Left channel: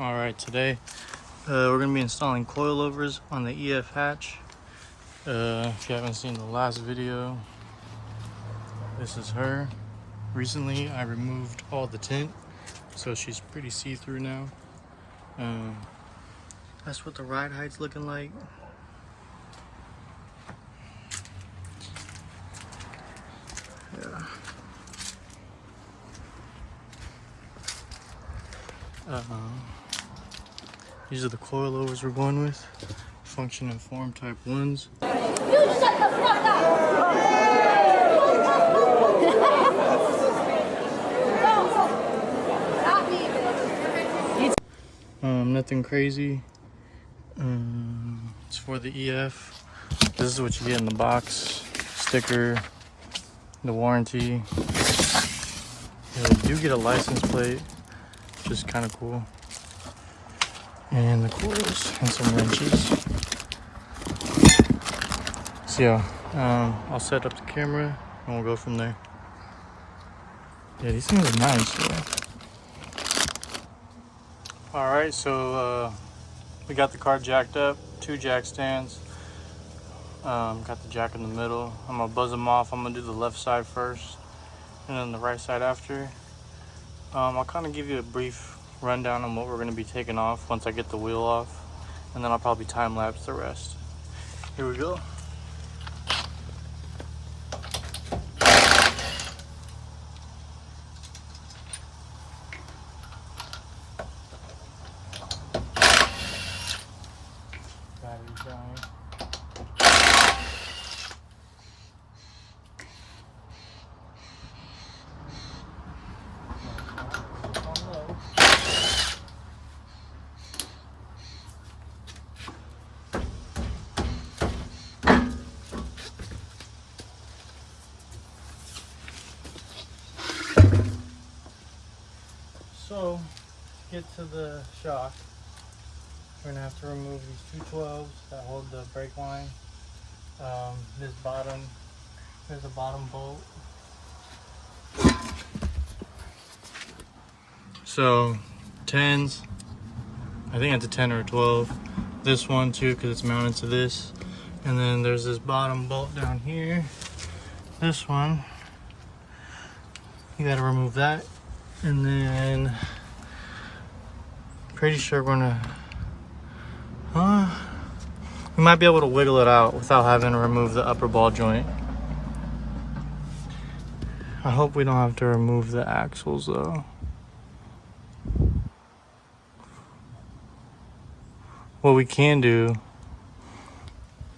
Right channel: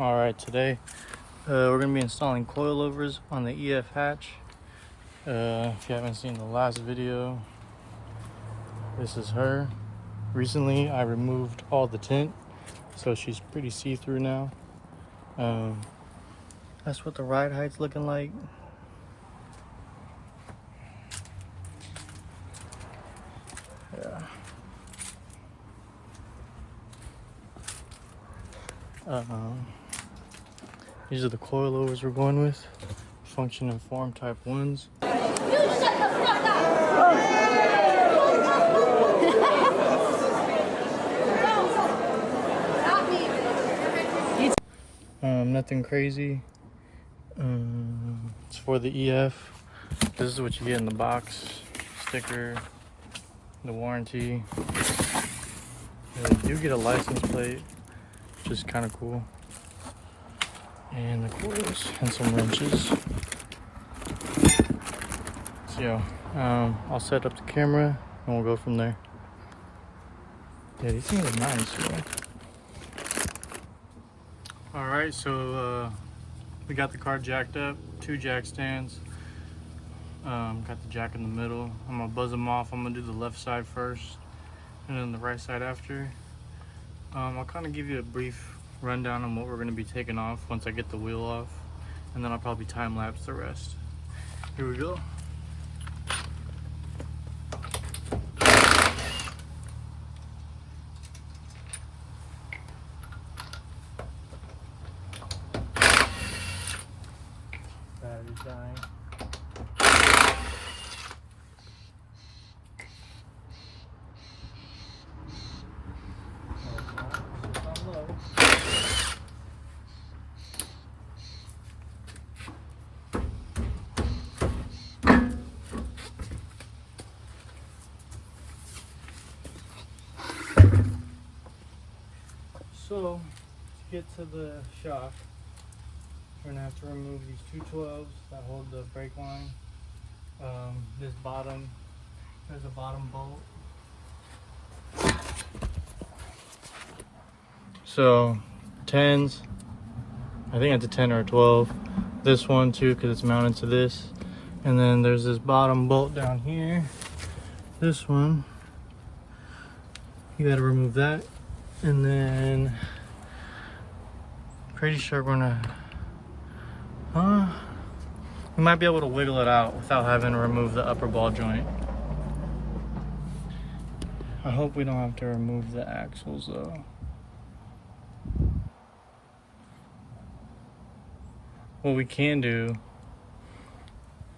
All right, today we're gonna be installing coilovers on the EF hatch. If you haven't seen the last video, this is her. Recently, I removed all the tint, so she's pretty see-through now. That's what the ride height's looking like. Yeah. These are the coilovers we're going with. Function and form type 1s. Nothing crazy. It's for the EF. This is what you get in the box. Sticker, the warranty. You get a license plate, which is kind of cool. And the coils and some wrenches. So yeah, I'll set up the camera and we'll go from there. Yeah, these things are nice though. Alright, so we got the car jacked up, 2 jack stands. Got the jack in the middle. I'm gonna buzz them off. I'm gonna do the left side first and then the right side after. I'll kind of give you a brief rundown on what we're going to be taking off once I get the wheel off, and then I'll probably time lapse the rest. Here we go. Battery's dying. So, to get to the shock, we're gonna have to remove these 2 12s that hold the brake line. There's a bottom bolt. So, 10s, I think it's a 10 or a 12. This one too, because it's mounted to this. And then there's this bottom bolt down here. This one, you gotta remove that. And then, pretty sure we're gonna, we might be able to wiggle it out without having to remove the upper ball joint. I hope we don't have to remove the axles though. What we can do,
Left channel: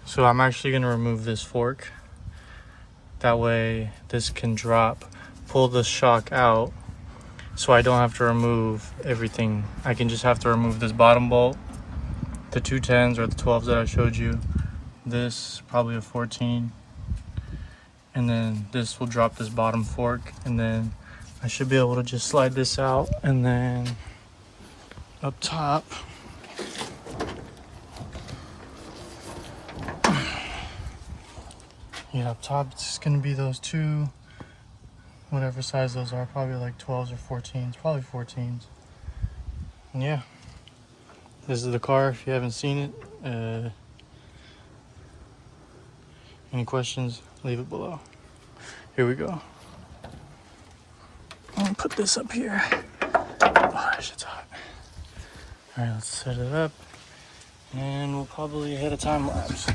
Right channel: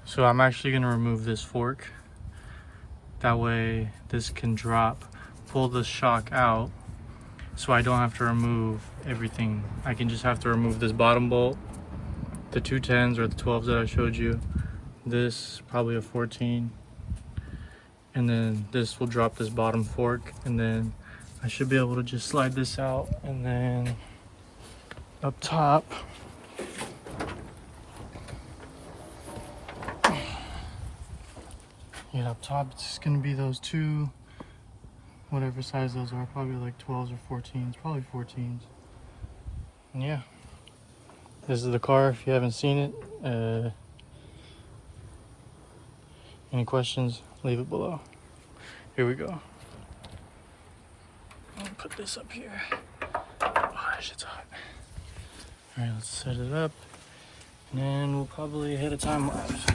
so I'm actually gonna remove this fork. That way this can drop, pull the shock out, so I don't have to remove everything. I can just have to remove this bottom bolt, the 2 10s or the 12s that I showed you. This, probably a 14. And then this will drop this bottom fork, and then I should be able to just slide this out. And then up top, yeah, up top it's gonna be those 2, whatever size those are, probably like 12s or 14s, probably 14s. And yeah, this is the car if you haven't seen it. Any questions, leave it below. Here we go. I'm gonna put this up here. Oh, that shit's hot. All right, let's set it up, and we'll probably hit a time lapse.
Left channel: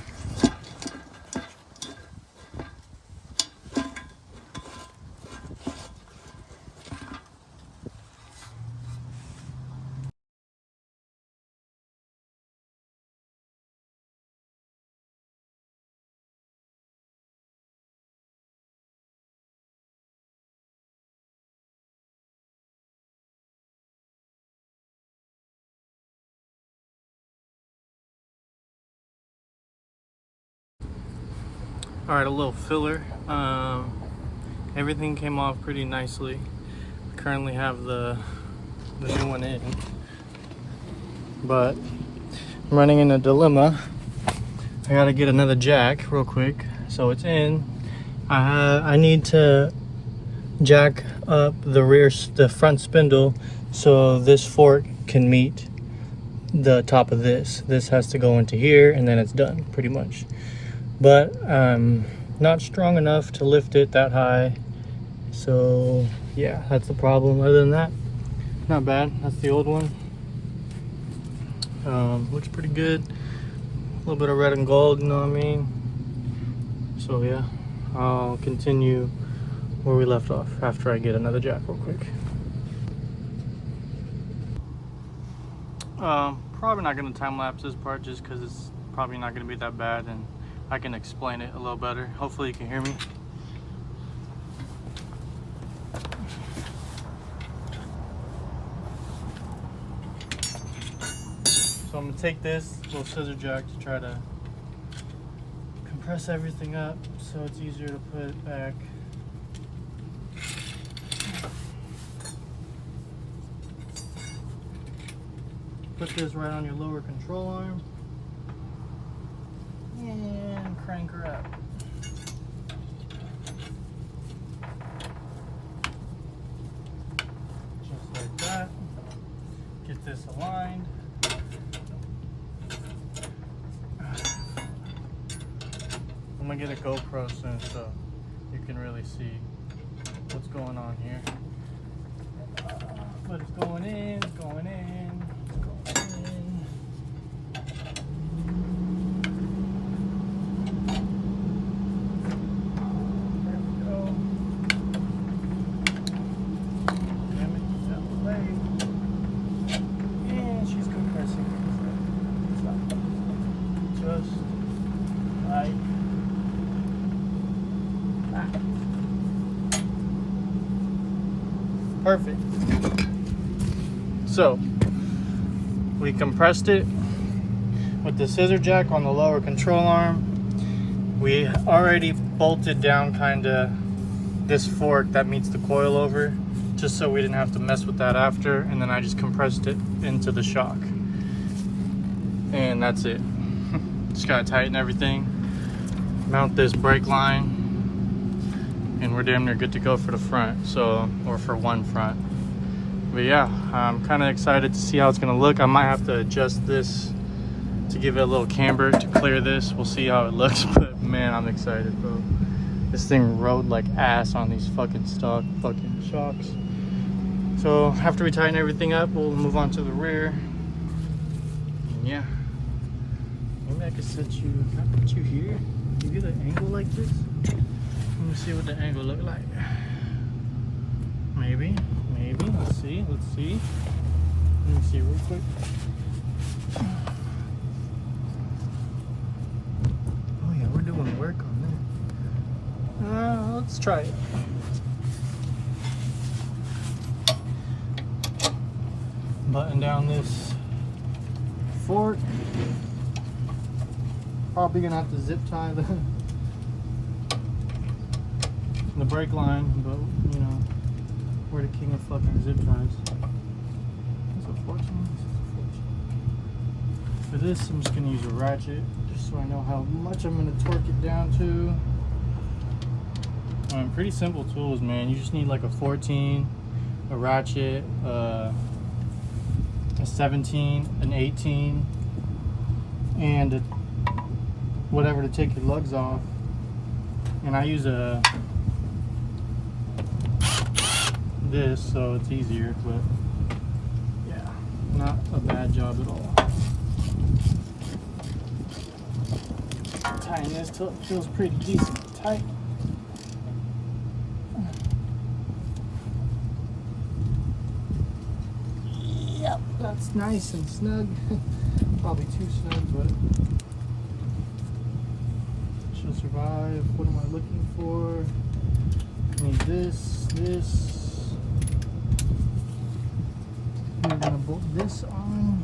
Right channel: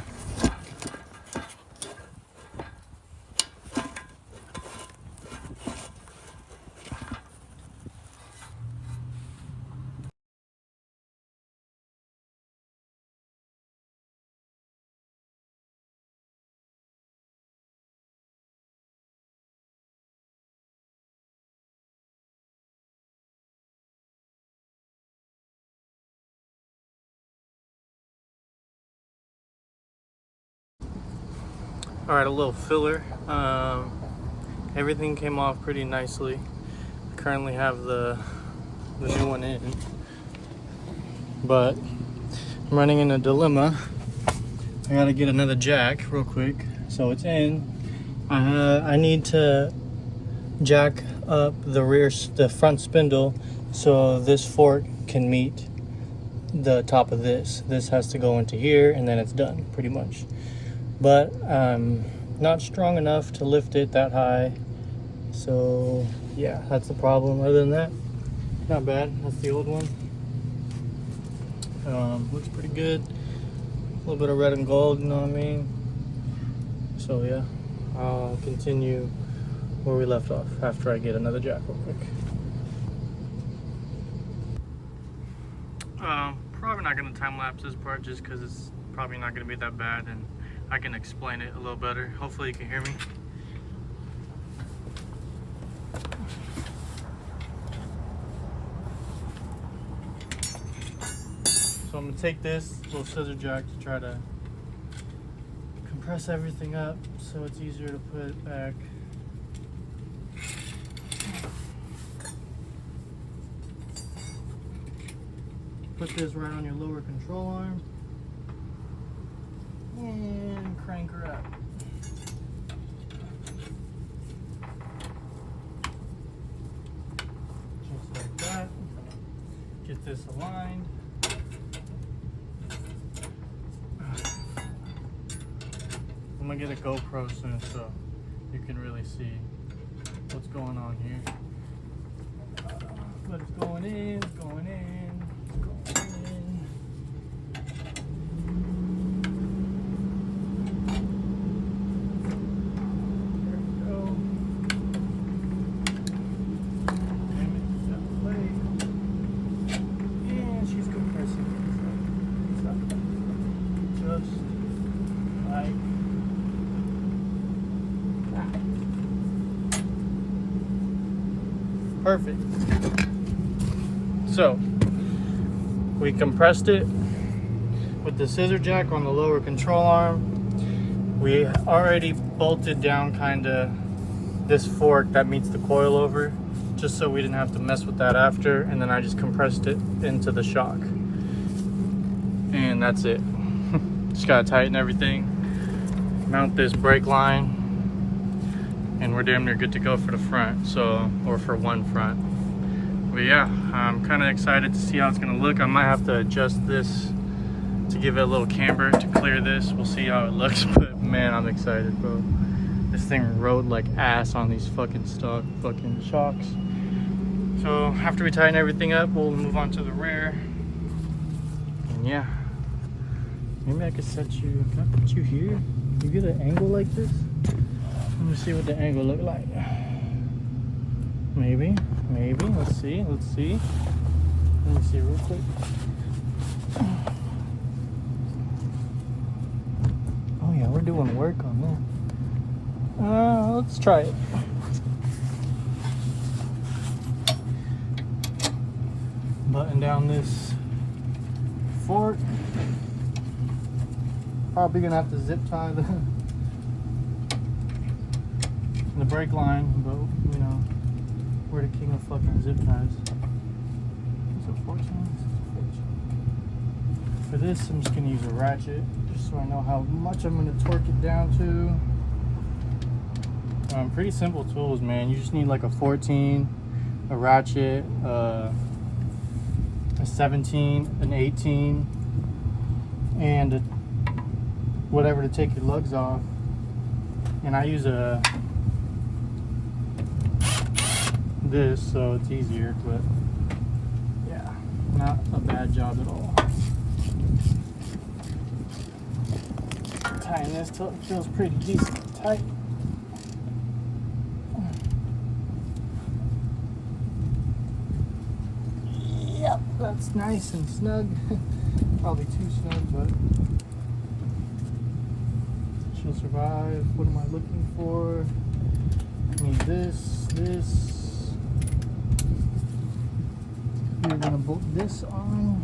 All right, a little filler. Everything came off pretty nicely. I currently have the new one in, but I'm running in a dilemma. I gotta get another jack real quick. So it's in. I need to jack up the front spindle so this fork can meet the top of this. This has to go into here and then it's done pretty much. But I'm not strong enough to lift it that high. So yeah, that's the problem. Other than that, not bad. That's the old one. Looks pretty good. A little bit of red and gold, you know what I mean? So yeah, I'll continue where we left off after I get another jack real quick. Probably not going to time lapse this part just because it's probably not going to be that bad and I can explain it a little better. Hopefully you can hear me. So I'm going to take this little scissor jack to try to compress everything up so it's easier to put it back. Put this right on your lower control arm and crank her up. Just like that. Get this aligned. I'm gonna get a GoPro soon so you can really see what's going on here. But it's going in, it's going in. Perfect. So we compressed it with the scissor jack on the lower control arm. We already bolted down kind of this fork that meets the coilover, just so we didn't have to mess with that after. And then I just compressed it into the shock, and that's it. Just gotta tighten everything, mount this brake line, and we're damn near good to go for the front, so, or for one front. But yeah, I'm kind of excited to see how it's gonna look. I might have to adjust this to give it a little camber to clear this. We'll see how it looks, but man, I'm excited, bro. This thing rode like ass on these fucking stock fucking shocks. So after we tighten everything up, we'll move on to the rear. And yeah, maybe I could set you, can I put you here? You get an angle like this? Let me see what the angle look like. Maybe. Let's see. Let me see real quick. Oh yeah, we're doing work on that. Let's try it. Button down this fork. Probably gonna have to zip tie the brake line, but you know, we're the king of fucking zip ties. Is it 14? For this, I'm just gonna use a ratchet, just so I know how much I'm gonna torque it down to. Pretty simple tools, man. You just need like a 14, a ratchet, a 17, an 18, and whatever to take your lugs off. And I use this, so it's easier, but yeah, not a bad job at all. Tying this till it feels pretty decent tight. Yep, that's nice and snug. Probably too snug, but she'll survive. What am I looking for? I need this. We're gonna bolt this on.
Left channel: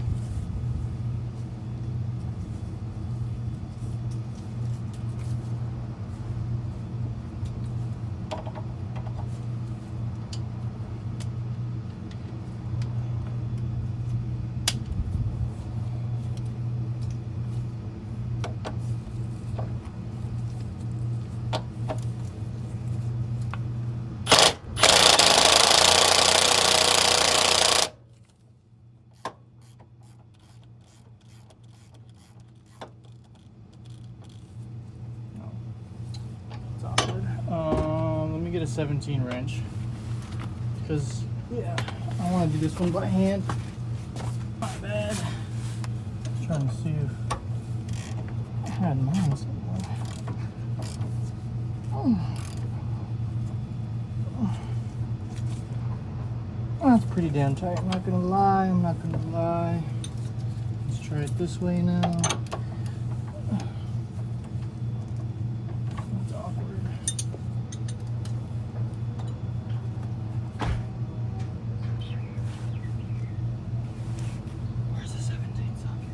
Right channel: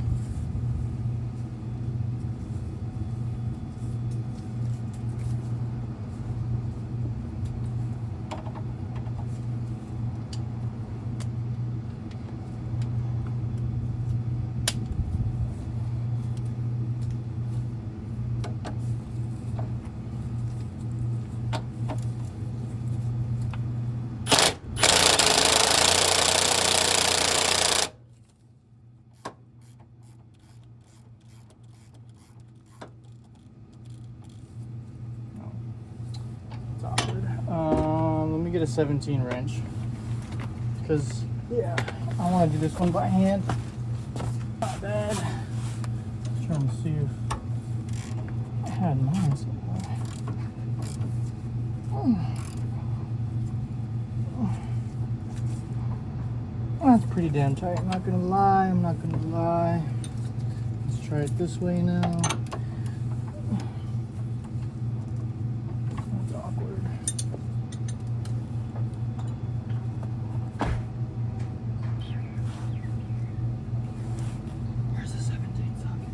a 17 wrench because, yeah, I want to do this one by hand. Not bad. Just trying to see if I had mine somewhere. That's pretty damn tight. I'm not gonna lie. Let's try it this way now. That's awkward. Where's the 17 socket?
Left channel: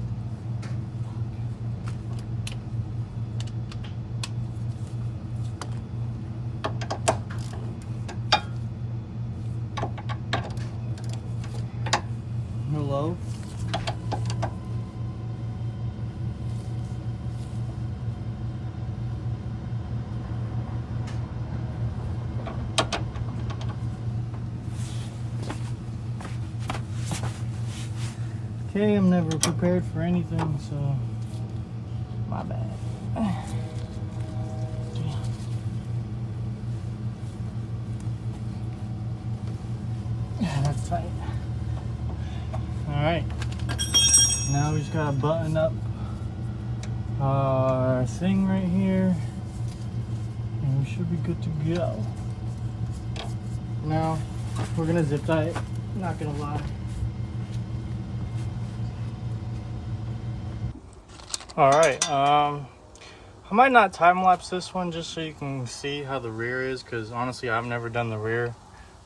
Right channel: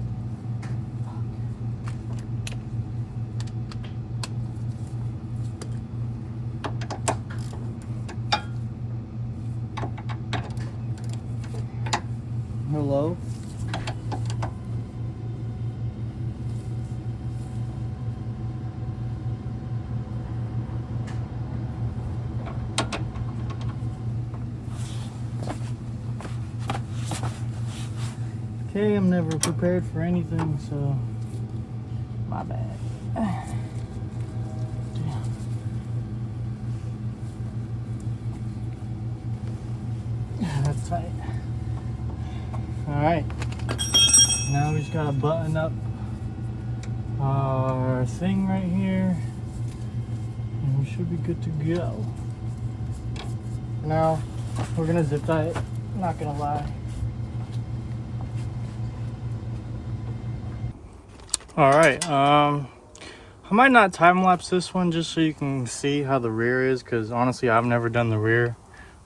Hello? Okay, I'm never prepared for anything, so my bad. That's tight. Alright, now we just gotta button up our thing right here and we should be good to go. Now we're gonna zip tie it, not gonna lie. Alright, I might not time lapse this one just so you can see how the rear is, because honestly I've never done the rear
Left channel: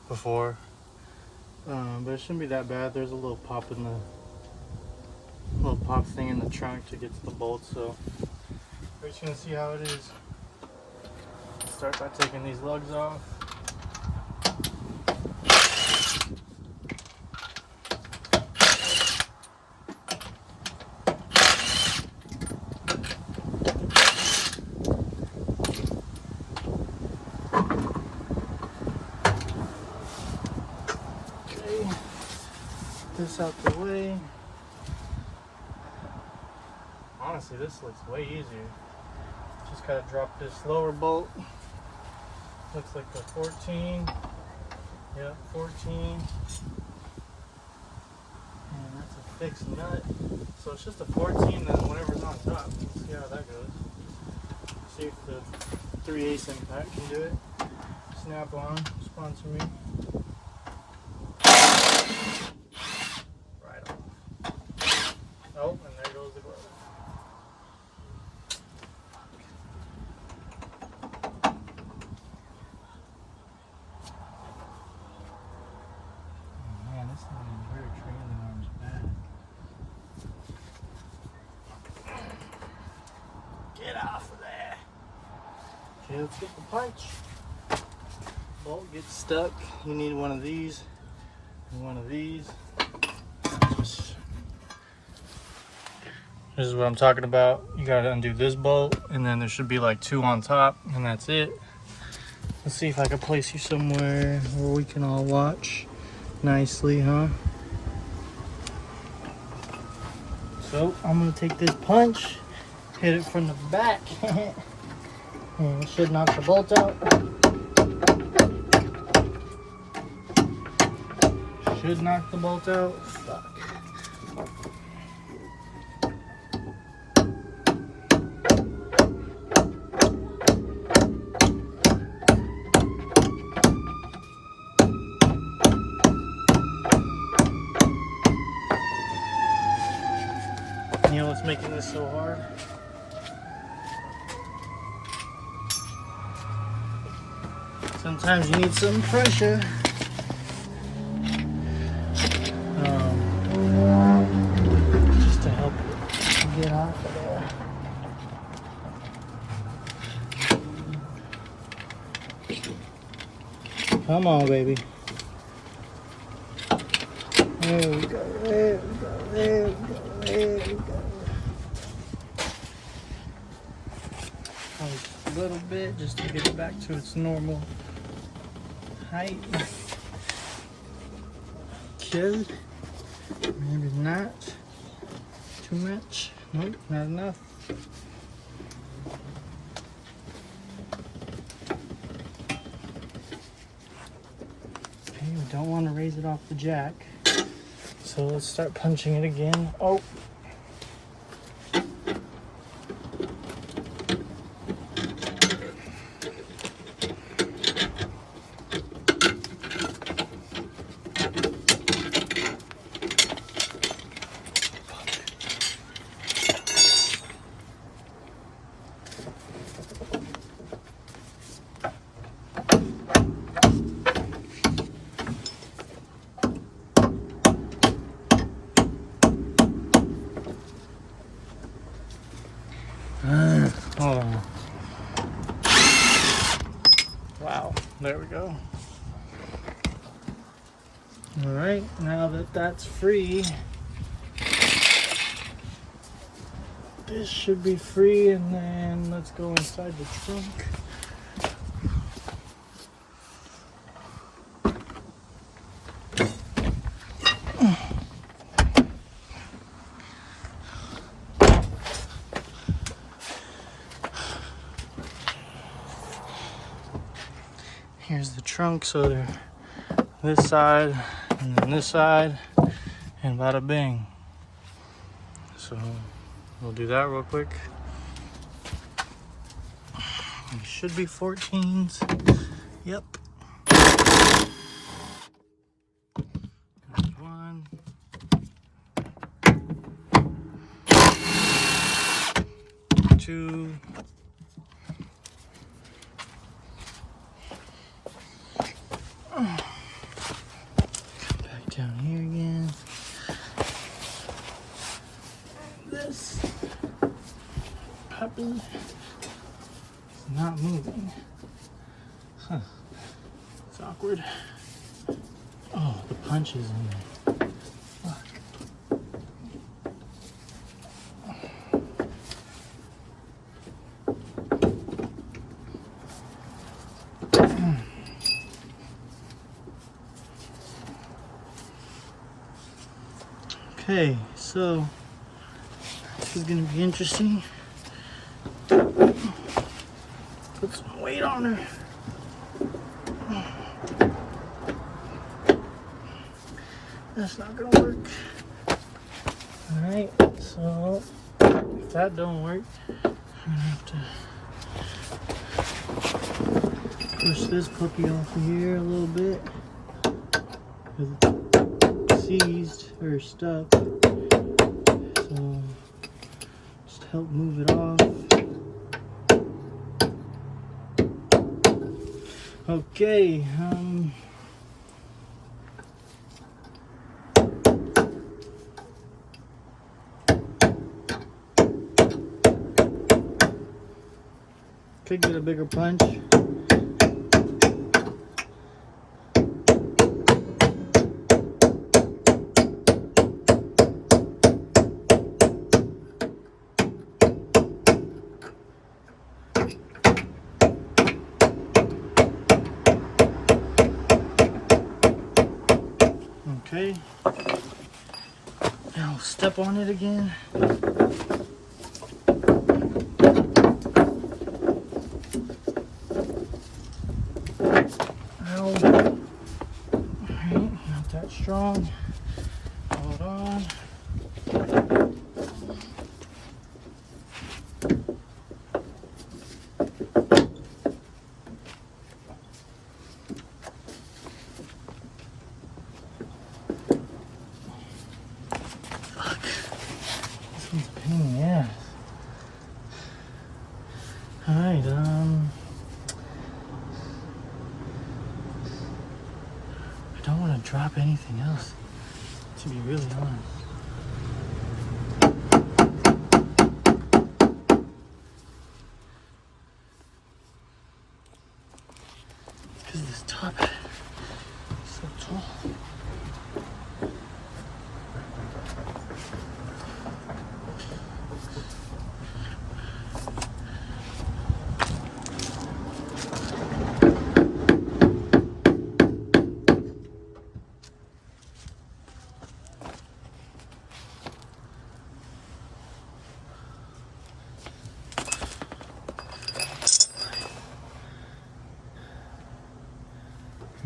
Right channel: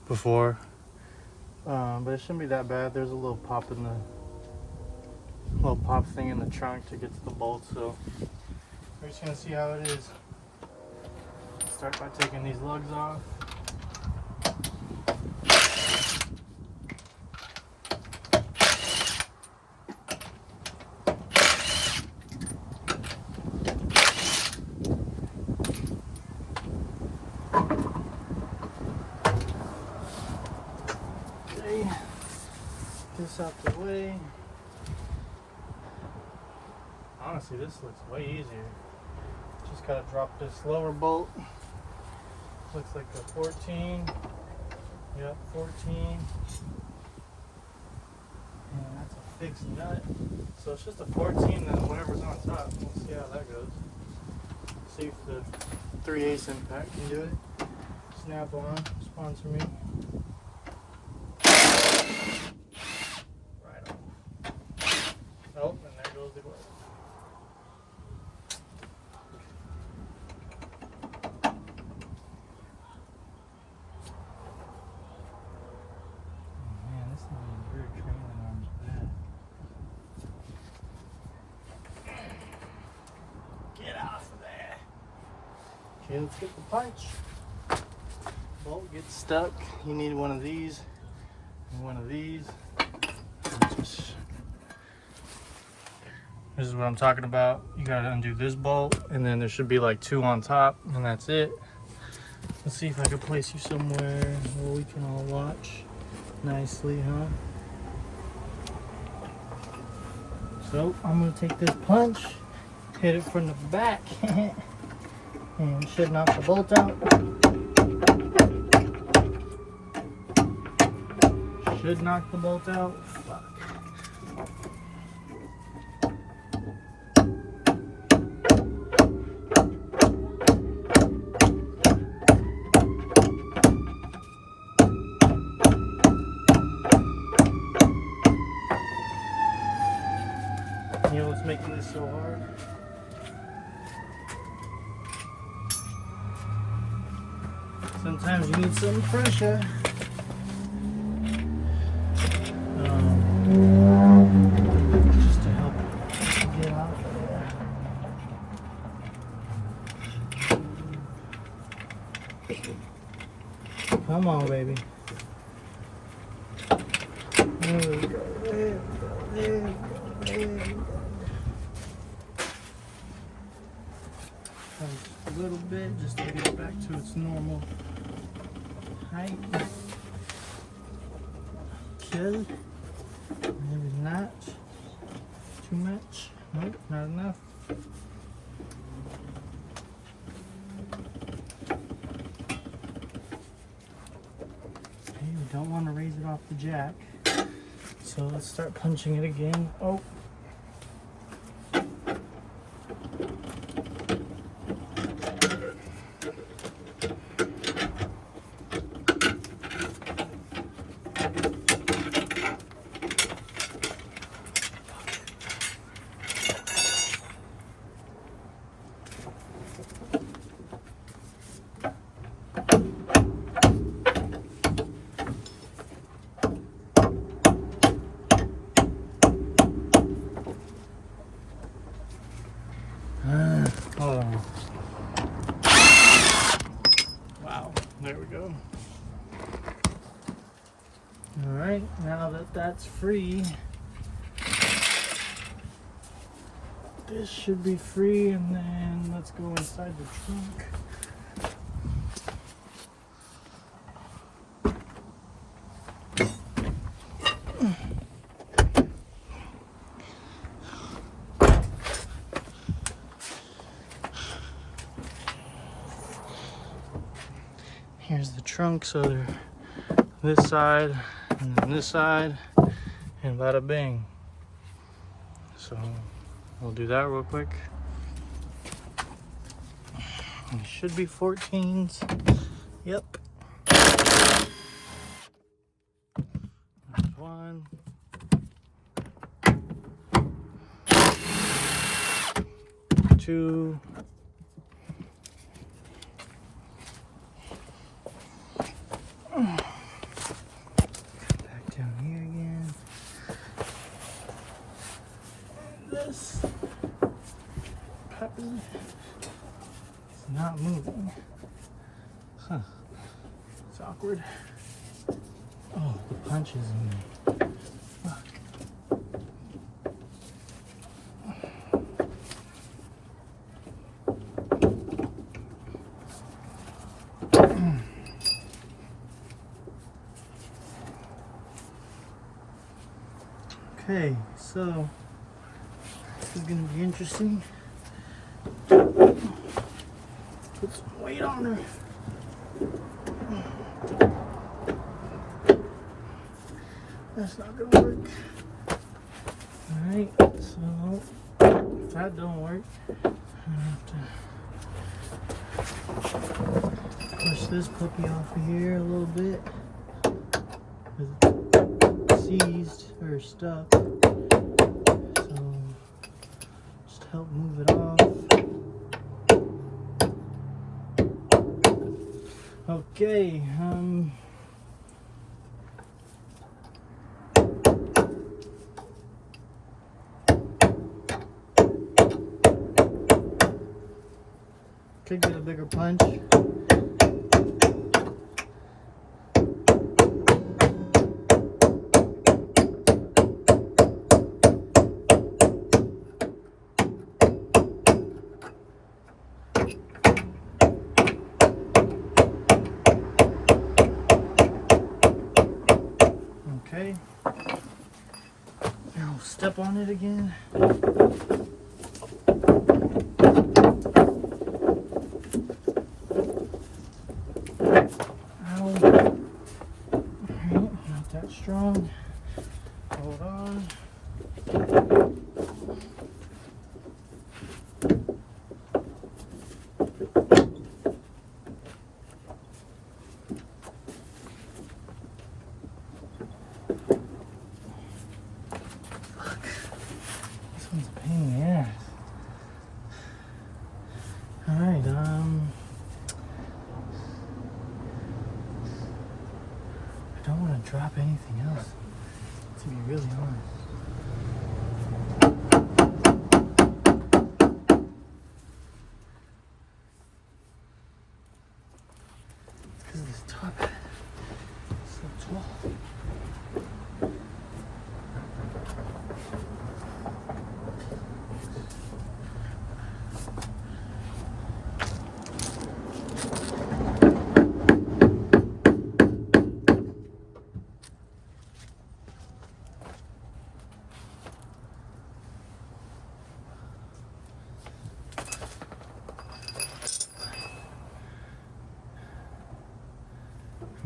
before. But it shouldn't be that bad. There's a little pop in the thing in the trunk to get to the bolt, so we're just gonna see how it is. Start by taking these lugs off. This out the way. Honestly, this looks way easier. Just gotta drop this lower bolt. Looks like the 14. Yep, 14. And that's a fixed nut. So it's just a 14, then whatever's on top. Let's see how that goes. See if the 3/8 impact can do it. Snap on, sponsor me. Nope, and there goes the glove. Oh man, this thing's rear trailing arm's bad. Get off of there. Okay, let's get the punch. Bolt gets stuck. You need one of these and one of these. This is what I'm talking about. You gotta undo this bolt, and then there should be like 2 on top, and that's it. Let's see if I can place you somewhere where we can all watch nicely, huh? So I'm gonna take this punch, hit it from the back, and it should knock the bolt out. Should knock the bolt out. Fuck. You know what's making this so hard? Sometimes you need some pressure. Just to help you get off of there. Come on, baby. There we go, there we go, there we go, there we go. Just a little bit, just to get it back to its normal height. Okay. Maybe not too much. Nope, not enough. the jack. So let's start punching it again. Oh. Hold on. Wow, there we go. All right, now that that's free, this should be free, and then let's go inside the trunk. Here's the trunk, so they're this side and then this side, and bada bing. So we'll do that real quick. It should be 14s. Yep. There's one. Two. Down here again. This puppy is not moving. Huh. It's awkward. Oh, the punch is in there. Fuck. Okay, so this is gonna be interesting. Put some weight on her. That's not gonna work. Alright, so if that don't work, I'm gonna have to push this puppy off of here a little bit. Seized or stuck, so just help move it off. Okay, could get a bigger punch. Okay, now step on it again. Ow. Alright, not that strong. Hold on. Alright, I don't want to drop anything else, to be really honest. Because this top is so tall.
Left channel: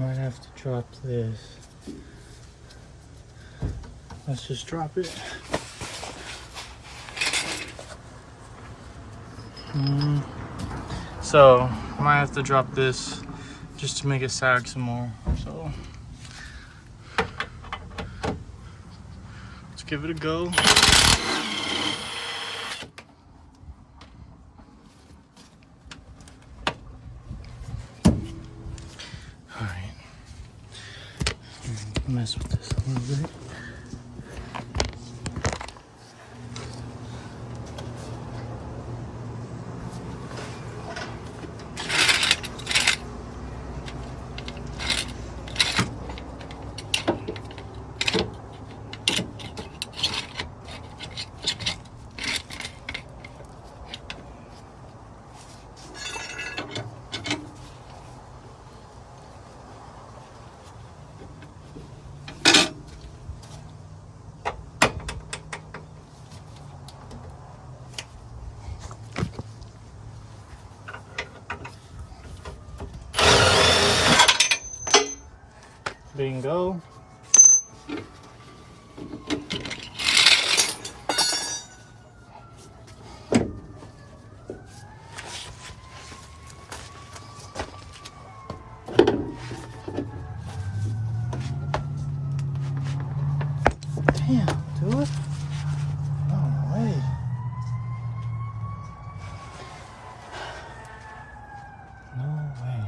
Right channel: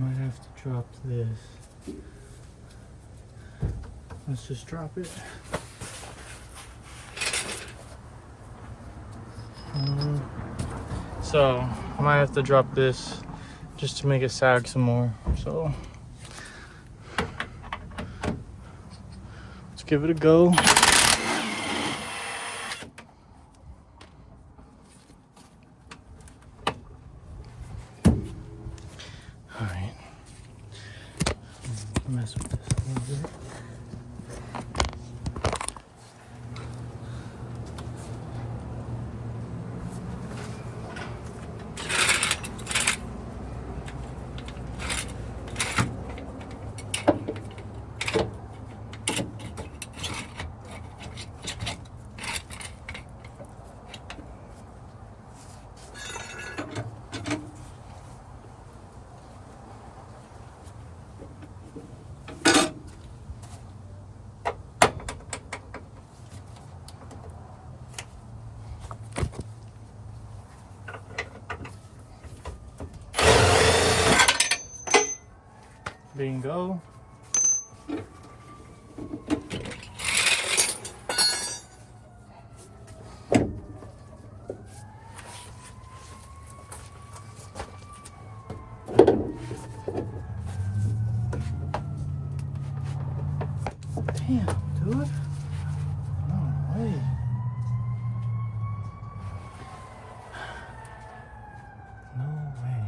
Might have to drop this. Let's just drop it. So I might have to drop this just to make it sag some more. So let's give it a go. All right, mess with this a little bit. Bingo. Damn, dude. No way. No way.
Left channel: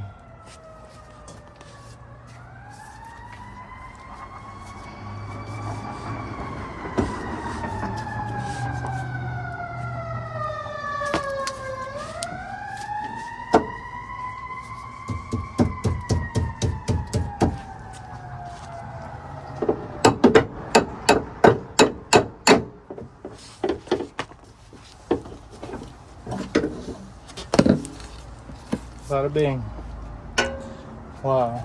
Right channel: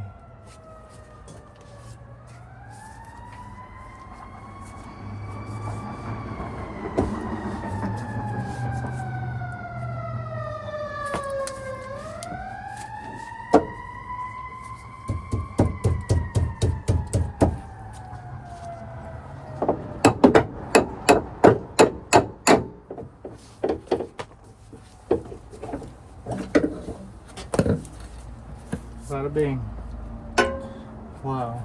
Bada bing. Wow.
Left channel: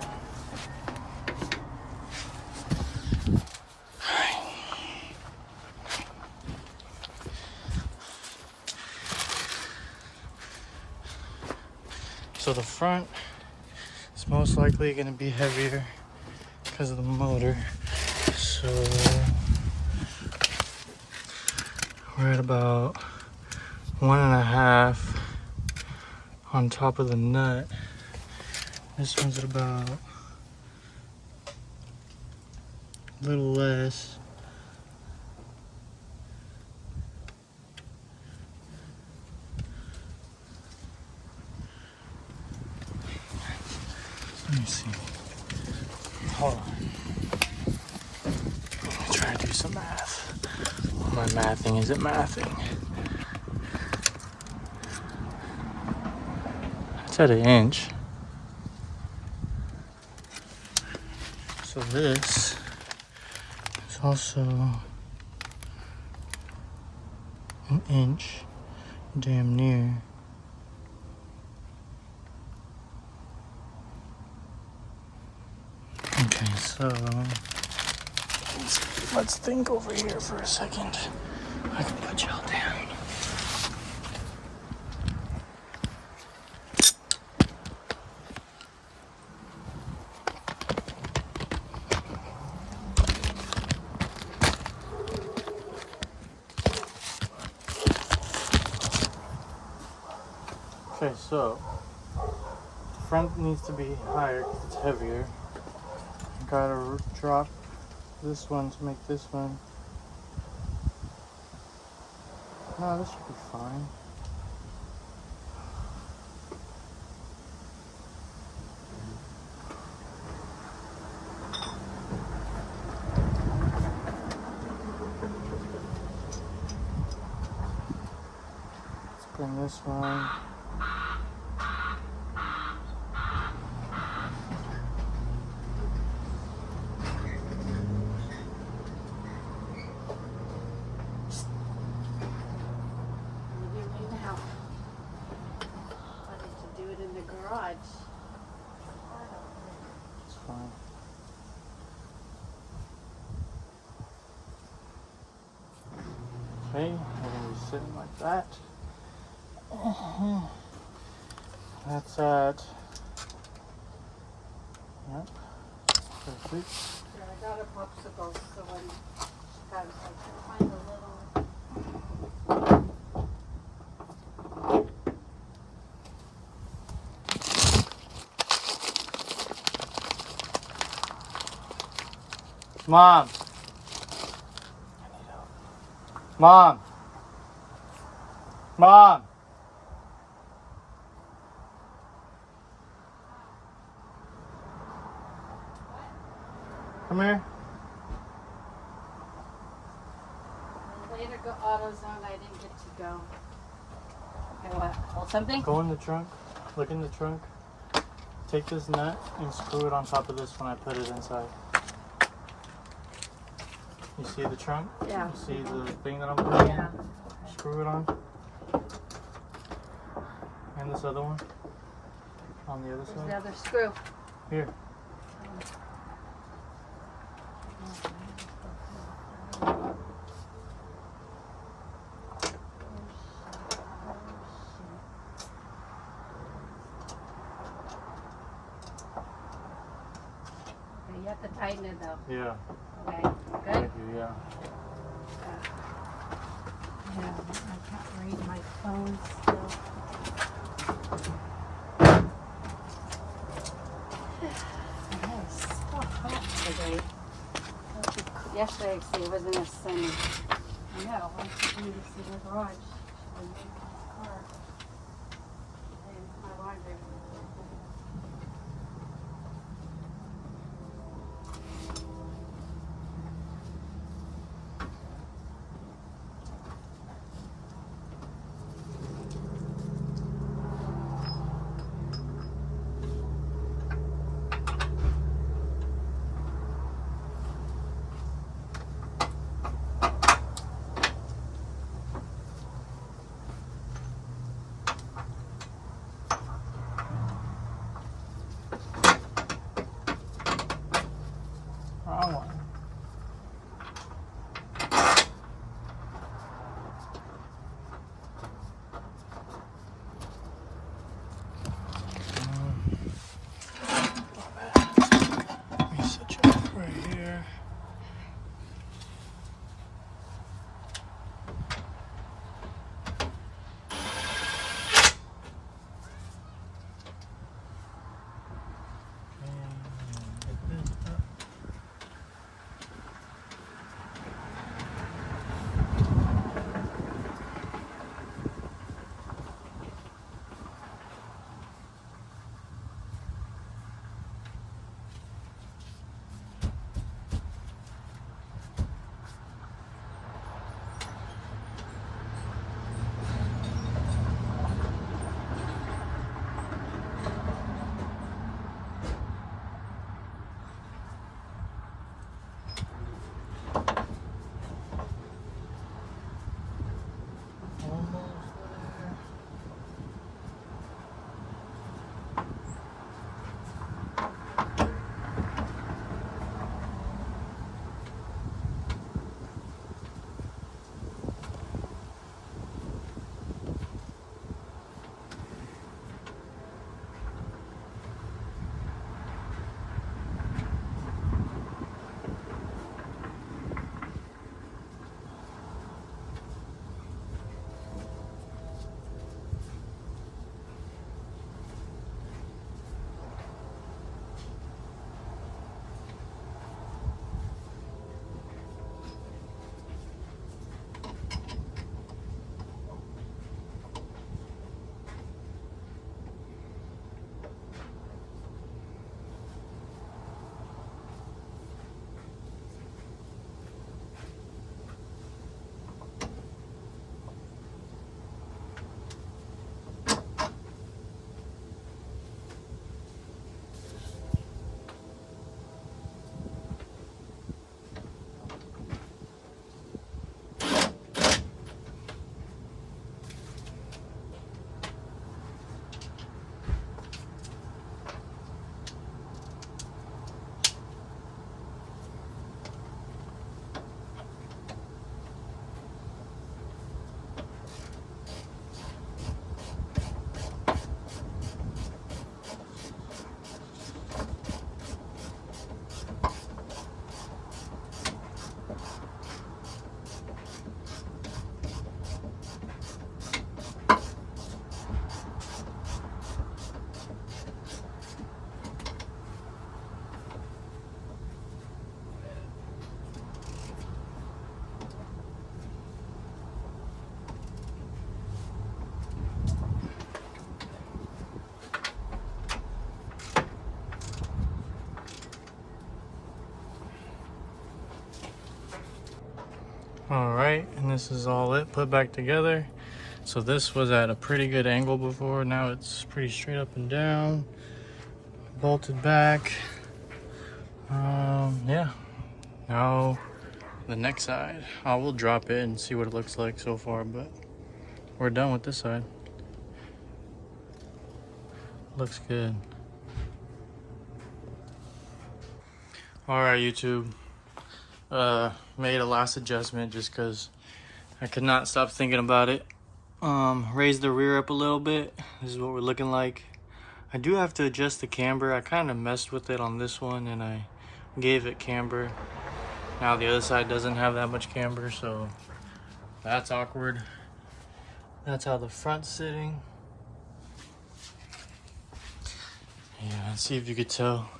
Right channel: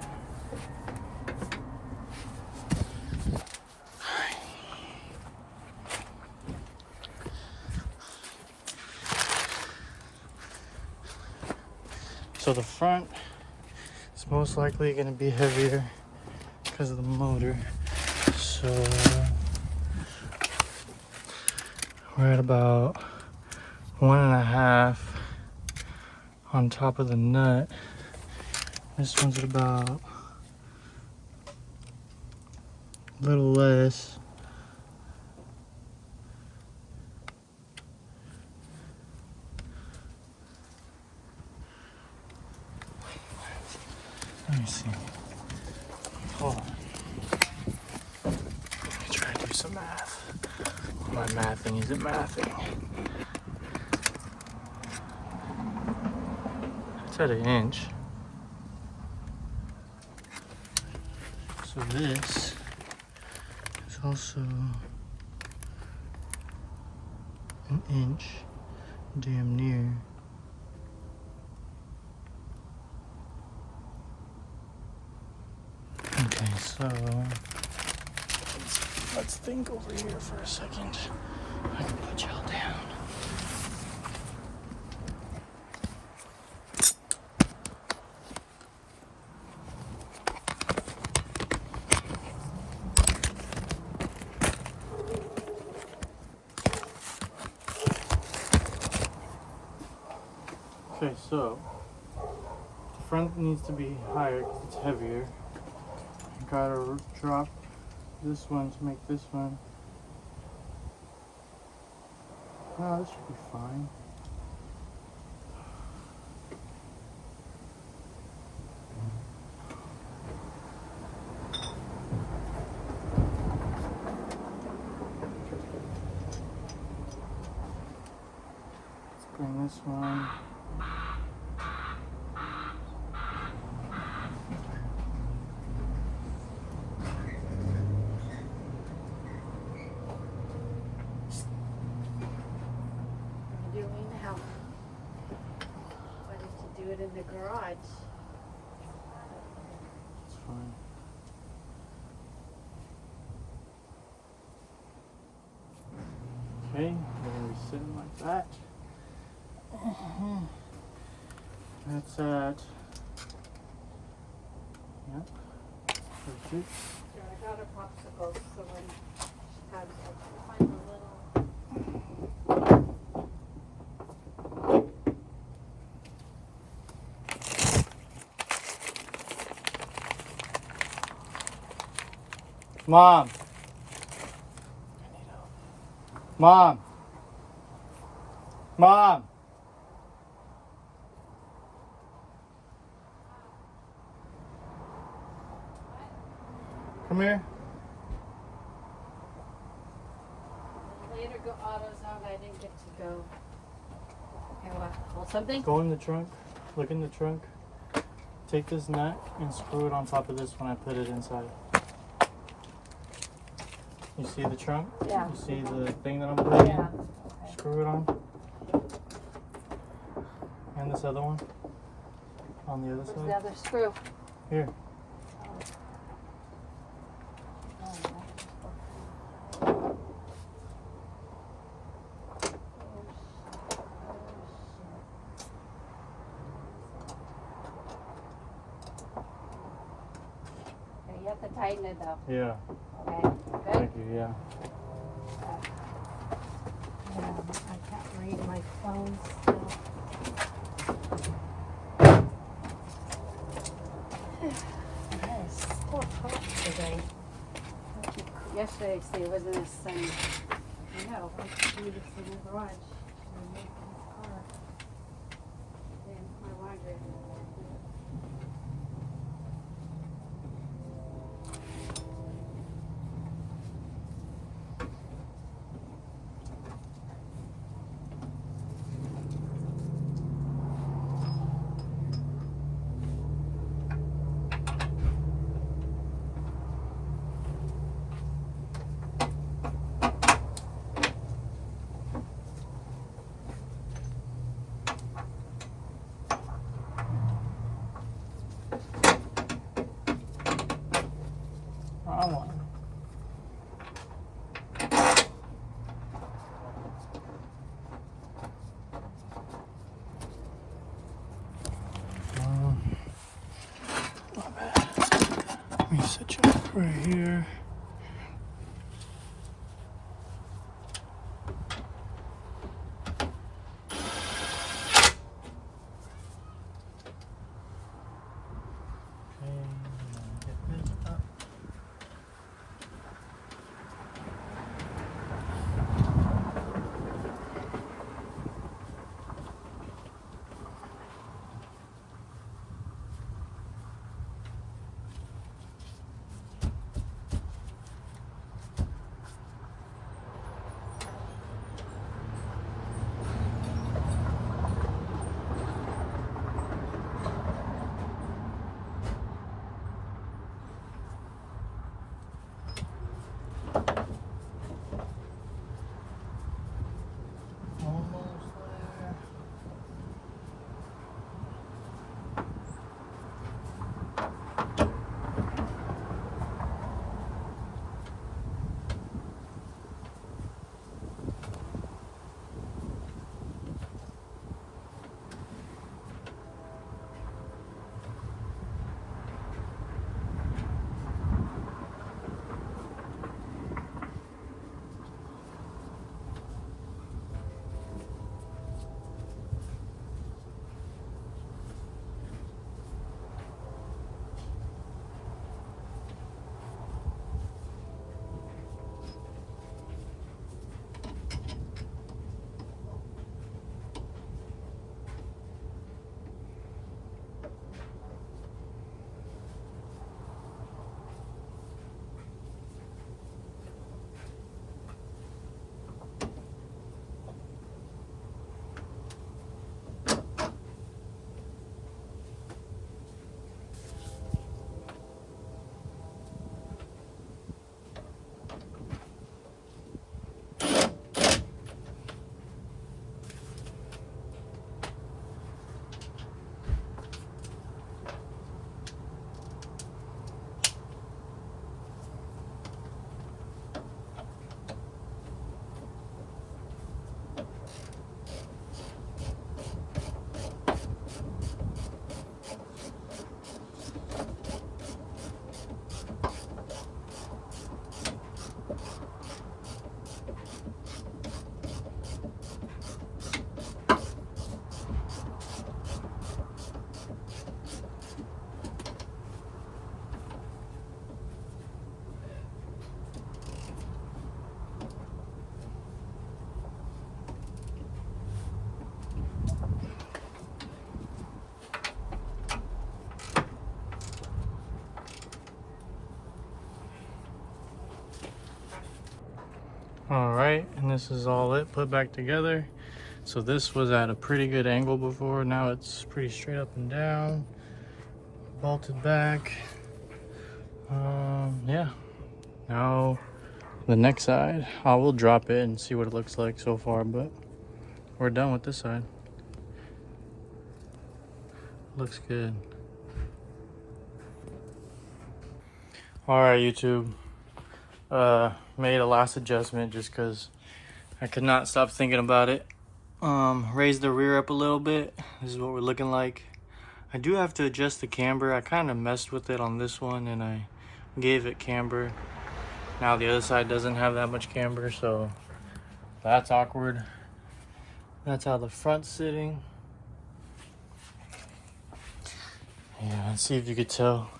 So the front is most likely going to be heavier because of the motor. So we're at about 1.5 on top of the nut. This one's at about a little less. Let me see. Hold on. Let me try to do some math. My mathing isn't mathing. It's at 1 inch. So this is also 1 inch, damn near. Okay, so let's think over here for a second. I can put y'all down. Okay, so the front needs to be higher because it's heavier. I gotta drop this one to make this one. No, this should be fine. Let's bring this one. In the garage. It's fine. Okay, we're gonna be sitting like that. That's at, yep, perfect. Yeah, I got a popsicle so when Mom. Mom. Mom. Come here. Later go AutoZone. I didn't get to go. Okay, what? Hold something? Go in the trunk. Look in the trunk. Take this nut and screw it on top of this when I put it inside. You see the trunk? Yeah. You see the thing that I'm putting Yeah. in? Screw it on. And this other one on the other There's side. another screw. Here. Okay, you have to tighten it though. Yeah. Okay. Good? Thank you. Yeah. Yeah, I can't read my phone still. It's still hot today. Yesterday, it wasn't as sunny. I know. I just need to see the garage. I'm making this car. And my laundry. All right, and this is all it put back together. So this was at a pretty good angle before. Now it's pretty straight up and down, bolted back. Yeah. Now the next side, I will drop it and see what it looks like so far, but we're done with this side. Looks good. All right, YouTube. Made a last adjustment just because I could not stop thinking about it. Raised the rear up a little bit. This is what we're looking like. I do have to adjust the camber. I kind of messed with it on this one and I gave it camber. Now the other side doesn't have that much camber, so that's awkward. That's how the front's sitting. Yeah, let's see if you could tell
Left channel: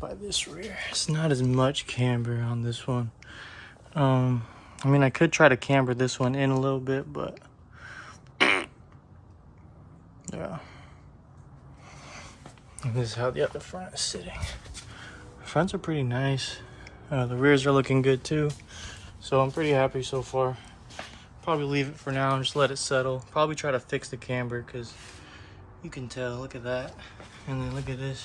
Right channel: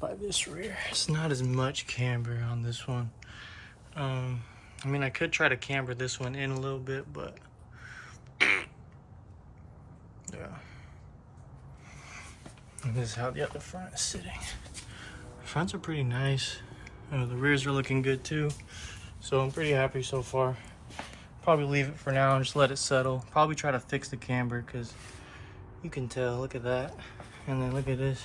by this rear. It's not as much camber on this one. I mean, I could try to camber this one in a little bit, but yeah. And this is how the other front is sitting. Fronts are pretty nice. The rears are looking good too. So I'm pretty happy so far. Probably leave it for now and just let it settle. Probably try to fix the camber because you can tell, look at that. And then look at this.